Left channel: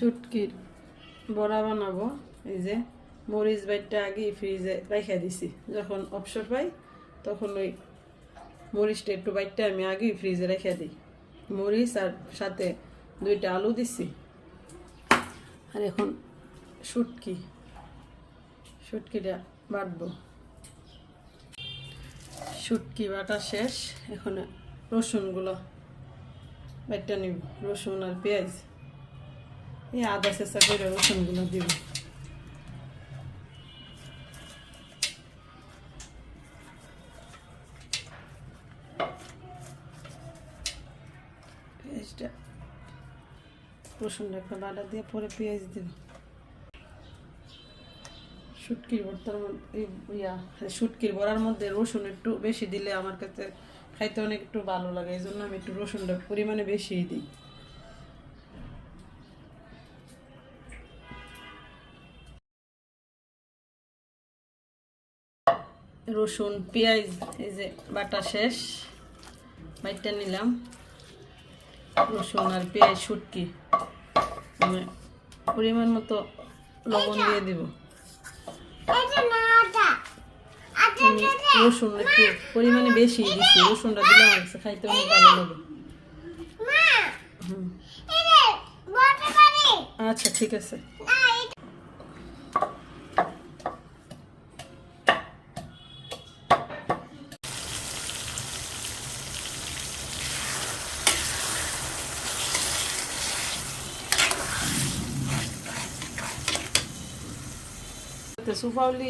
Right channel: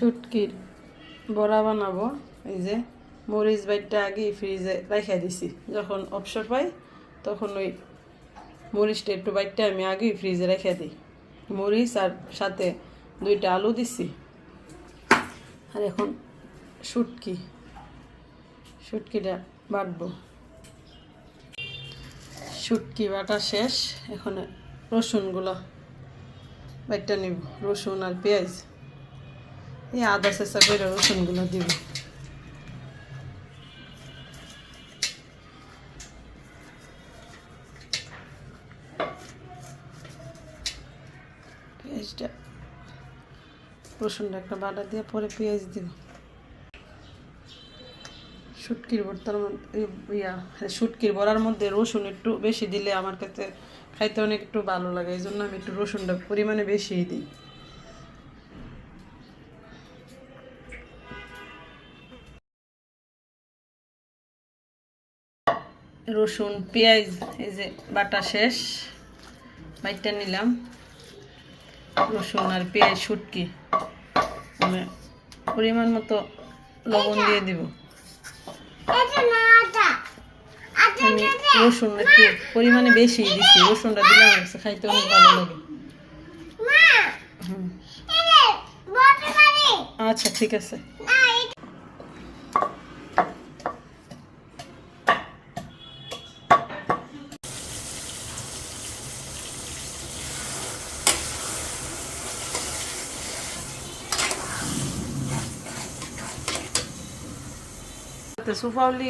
শুটকির বড়া বানাবো। এই যে মরিচ বাইটটা আগে ফ্রিজে রাইখা দিছি, যখন অবসর পাই তখন ওই মরিচটা একটু বাইটটা আমি আগেই ফ্রিজে রেখে দিই। মরিচ আর সাথে 2টা আলু দিছি। আর এখন শুটকিটা বাটবো। শুটকি বাটা শেষ, এখন রসুনগুলো বাইটটা নিব। রসুন আর পেঁয়াজ, এই আদা চেঁচা করে রসুনগুলো দিব। পেঁয়াজটা রসুনটা একটা বাটা দিয়ে পরে পেঁয়াজ দিব। শুটকির ভর্তার মধ্যে শুটকির বড়ার মধ্যে রসুন একটু বেশি দিলে আমার কাছে খাইতে অনেক একটু ভালো লাগে, এই জন্য আমি একটু রসুনটা পরিমাণে বেশিই দিই। রসুন পেঁয়াজ এই যে বাটা শেষ, বাইটটা নিলাম। রসুন আর পেঁয়াজ শুটকি মানে পরিমাণ মতো লবণ দিয়ে দিব। আমি রসুন একটু পরিমাণে বেশি দিচ্ছি, রসুনটা দিলে আমার কাছে খাইতে অনেক ভালো লাগে। আচ্ছা ঠিক আছে। সুফাউলি